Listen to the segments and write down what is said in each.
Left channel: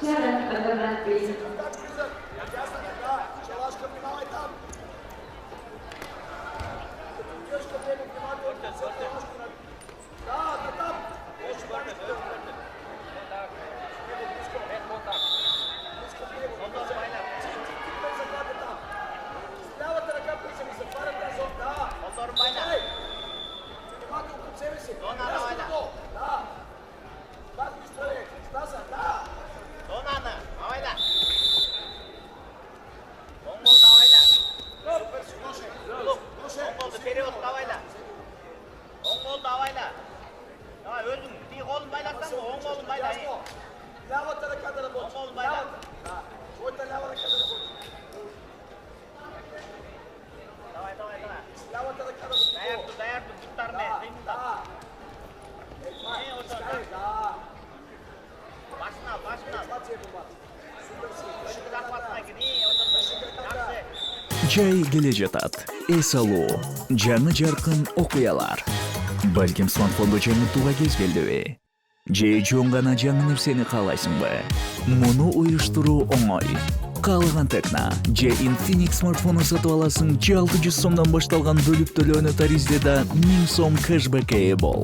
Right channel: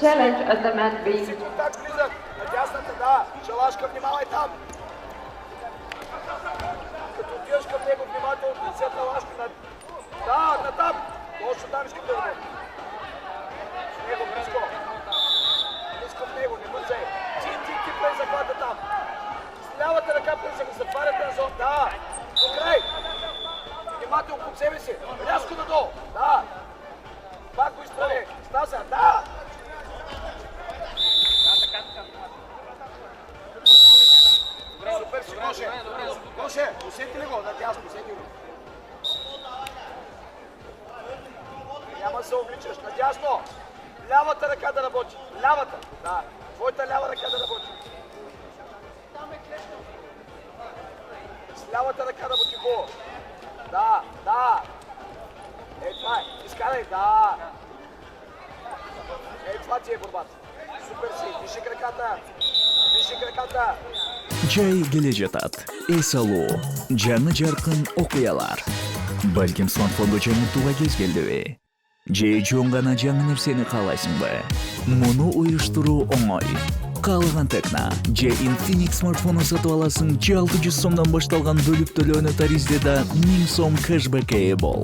Challenge at the mat B. Шалашка, внимавай там! Като отиваш към него, внимателно търсят на лашко на... Да, на там! Точно там искате да бъде. С него близко. Близко в него, не бързай. Ти плей захвата там. С лявата ръка плей се ми затваря тази зон. Да! Накрай! Внимателно под себе си. Рязко надолу. Да! Пак го изправи. Стаса, да! Супер си, Гоше! Гоше, усети го, надясно, усети го. Няма се обичаш, надясно. Лявата ръка да работи, лявата. Да, твоята лява ръка да работи. С лявата ръка да работи го. Да, да. Ей, това е, изкарай, да. Ей, това ти е борбата. Супер си, диши краката. Диши краката. Жай келе жатат. Эс алуу, жаңы жаркын окуялар. Балким смартфондо жаңыртууга кез келдиби? Же чоң гана жаңы нерсени каалайсыңбы? Муну уюштуруу оңой. Каалаган текна же Infinix смартфонун сатып аласың, же 600 сомдон башталган бөлүп төлөөнү таризде да 1000 сом кэшбэкке ээ бол.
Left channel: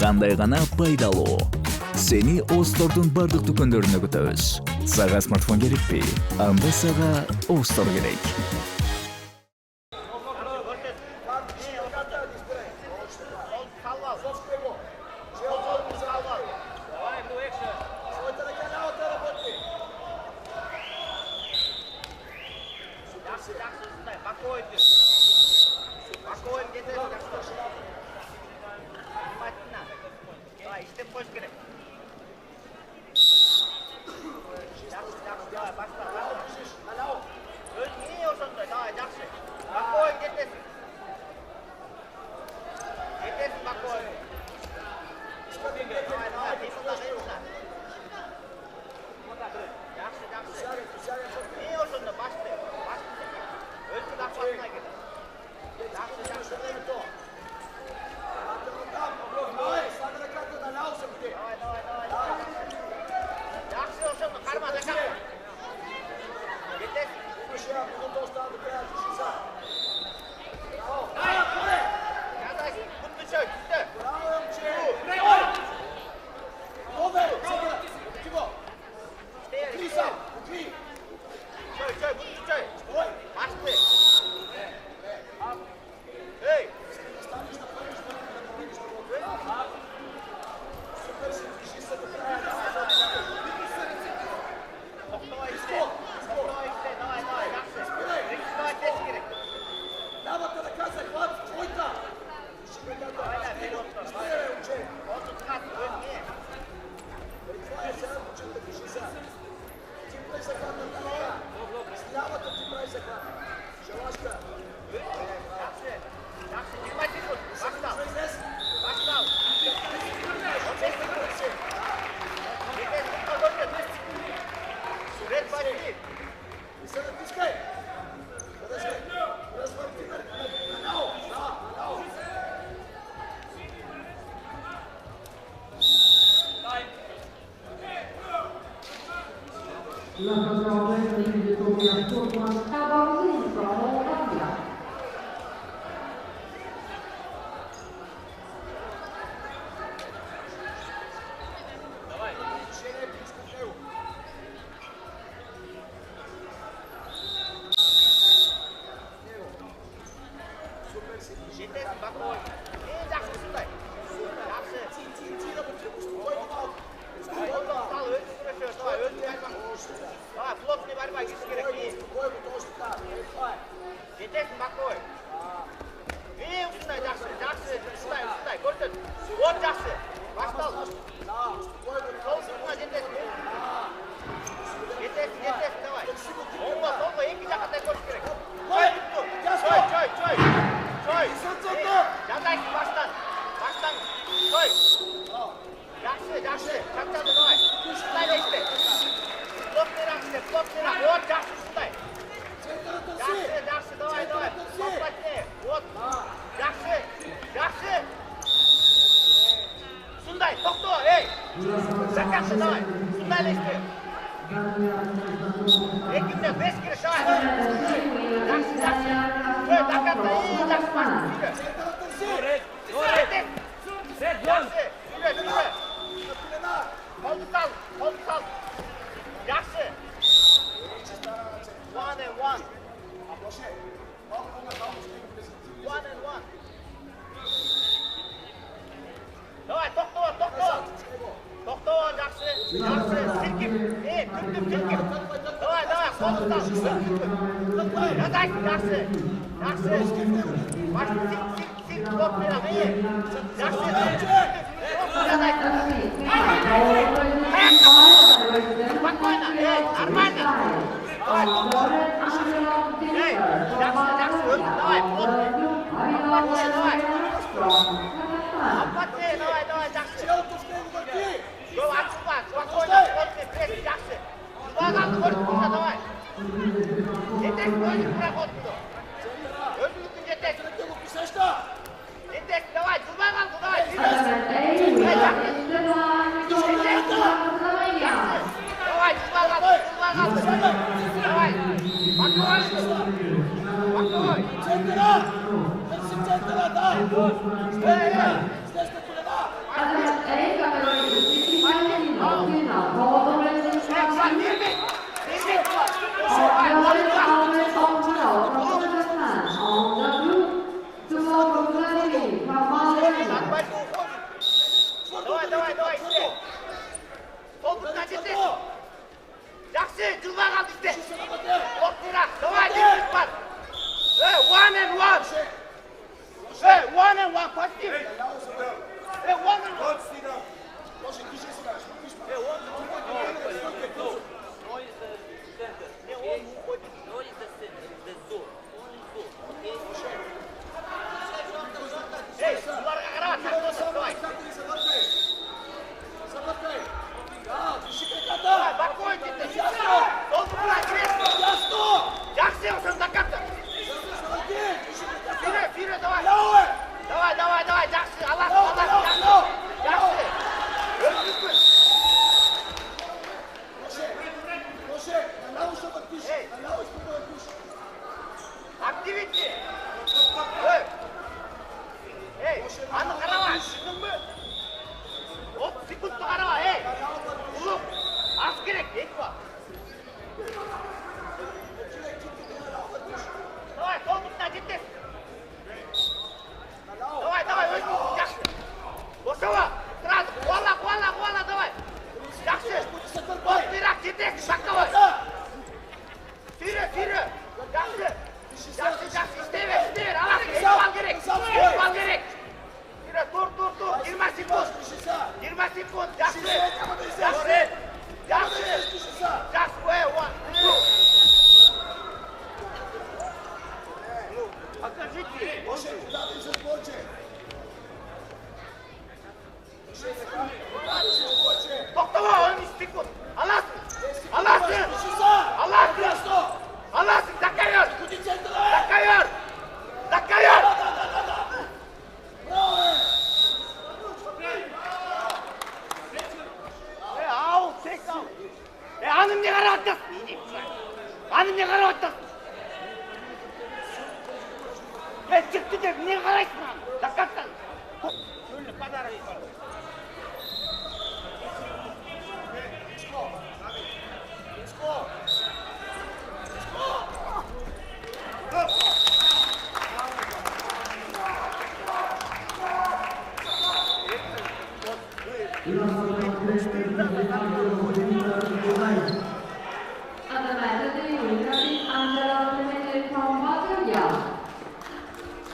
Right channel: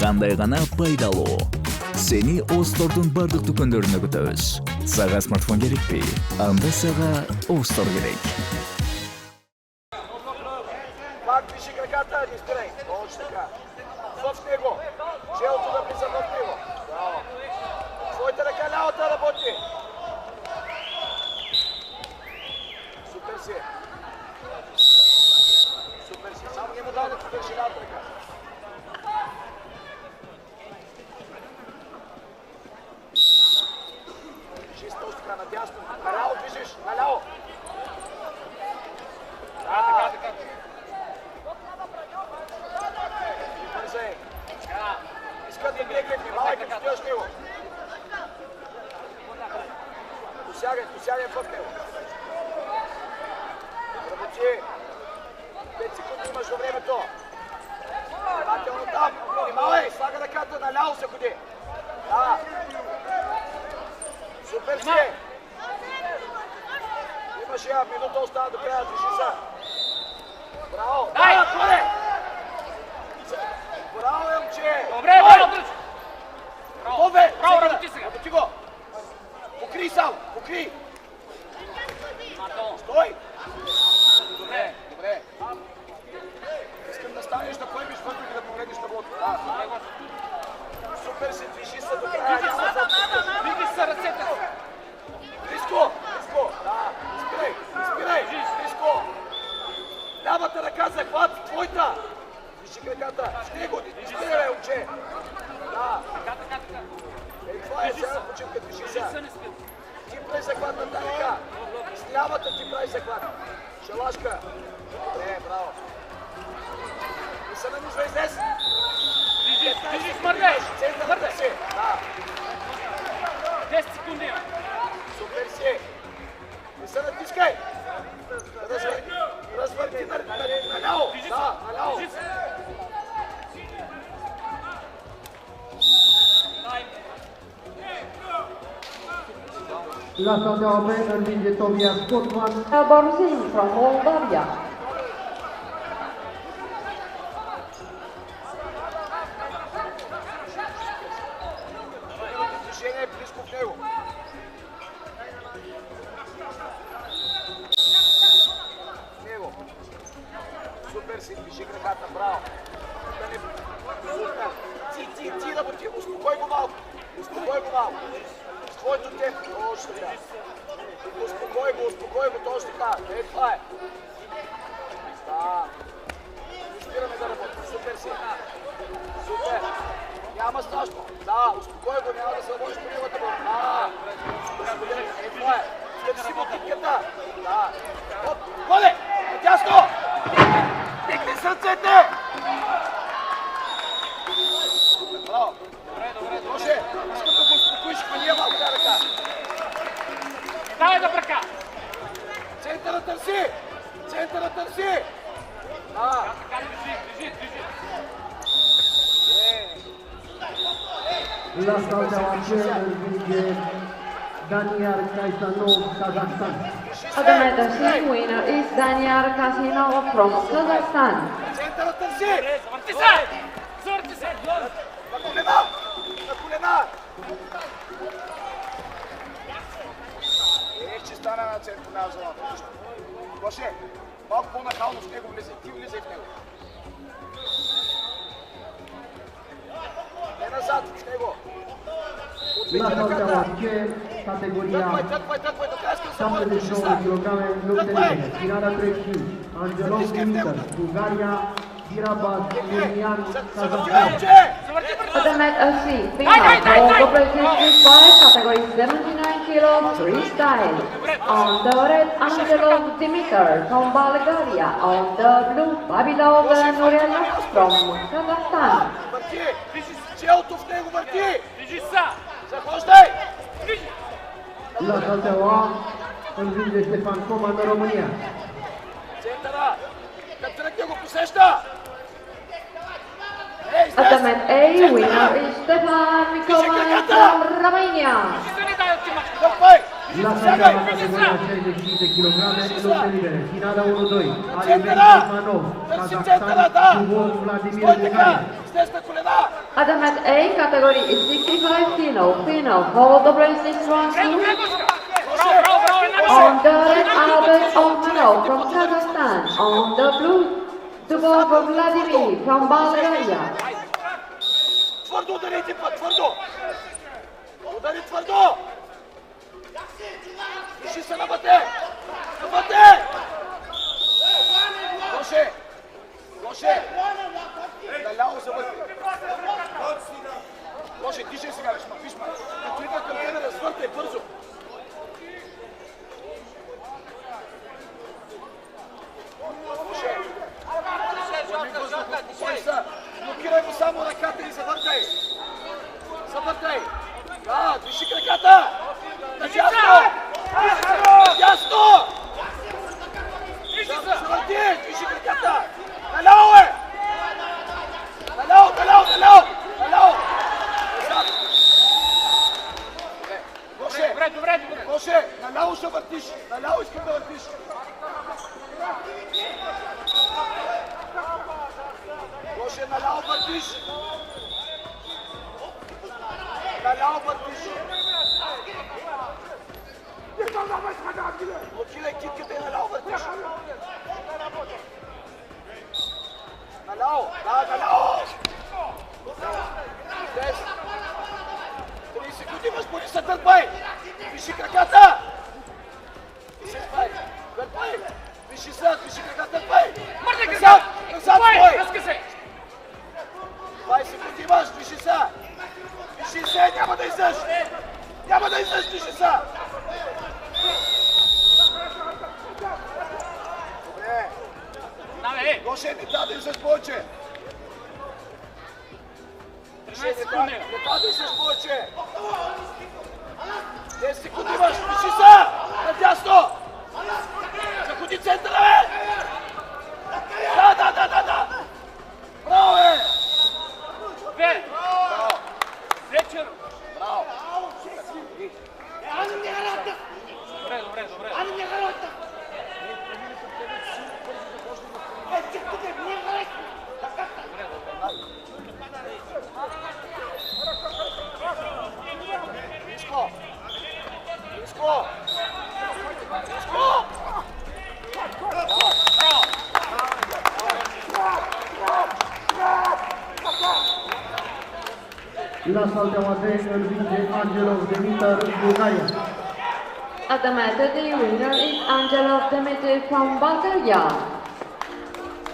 Кандай гана пайдалуу. Сени Остордун бардык дүкөндөрүнө күтөбүз. Сага смартфон керекпи? Анда сага Остор керек. Пак диши краката, не спирай. Точно така. В него. Челото да влиза в него. Своята ръка лявата работи. Супер си. Супер си. Само не дал да ти държи лявата ръка. Движиш точно така надясно. Наляво движиш. Наляво. Бързай. Искат да бие кетни. Малай като стояш него. Досягай пътка. Работи. 5 секунди имаш във времето. Внимателно там. Внимавай. Слага ръката. Наляво се ходи. Да. Супер си. Имаш я минута остана до края. Движи се. Браво. Да, горе. Браво, момче. Добре. Работи го. Покри сам. Покри. Стой. Добре. Искам да станеш да поемиш вътре и да погледнеш таблото. Супер си, движи се до края. Виги се ръцете. Близко. Спирай. Близко. Лявата ръка захват. Твоята. Движи краката. Стига го. Изтеля, момче. Да. Ей, това е сега почивка. Движи се. Ти прави захват на тази ръка. С лявата ти прави захват. Шалашка. Добре, браво. Не се намисва излез. Центърата си. Да. 10 секунди. Супер си. Не се натискай. Развърти наляво. Да, наляво. Albumsing from Moldavia. Движение близко в него. Супер си, движи краката, браво. Супер. Ти работи, успокой го малко. С твоето темпо, точно така. Успокой го, точно така. Ей, това е. Да. Спираме за работа, супер си. Супер. Няма страшно. Да, успокой го, няма да се може по неговата бъл. Да. Ей, това е. Търси му китката. Да. Оп, горе! Дясно! Дигни сърцето! Браво! Може! Иска да го успокоиш, хвания малко ръка. Центъра търси! Да. Adamant C winner is Daniel Kasimov from Kazakhstan. Центъра търси! На колена! Че стана на центъра. Гоше, малко по-нахално с него влезе. Ти влезе в него. Не назад с него. Отведи ръката. Тъквай. Аз само да държи са. Тъквай. Искай в него. Adamant C FINAL representing foreign category 79 kilos freestyle. On the red, Angelo Dimitar from Bulgaria. On the blue, Babidov from Kazakhstan. Челото в него върти! Захождай! Центъра те го посеща! Adamant A winner is Stefan Mikovac from Romania. Сягай! Центъра! Търси центъра, да! Стой така! Слез на колена! Adamant A category is 65 kilo final. Follow the wrestling instructions. On the red, Albert Omchino from Kazakhstan. On the blue, Dubov Vladimir from Bulgaria. Твърдо ударите път, твърдо! Удари твърдо! Държи се на бъде! Гоше! Наляво се бъде! Гоше, тише сега, виж ма! Тръгва към тренера, свърте бързо! Гоше! Успокой се! Блокирай го само ръката и завъртай! Завъртай! Да, движи краката! Надясно! Надясно! Завърти! Движи краката! Наляво е! Наляво! Гоше, наляво ще въртиш! Наляво искам да въртиш! Гоше, наляво въртиш! Наляво въртиш! Блокирай китката и наляво въртиш! Наляво! Наляво! 30 секунди, господи, се търпай! Виши краката! Виши се, търпай! Назад, стой! 20 секунди имаш, виши се! Виши се, няма да излезеш! Няма да излезеш, виши се! Добре! Гоше, не трябва да излезеш повече! Не трябва да излезеш повече! 10 секунди имаш, виши се! Надясно! Заходи центъра, бе! Да! Браво, бе! Adamant D winner is Angelo Dimitar from Bulgaria.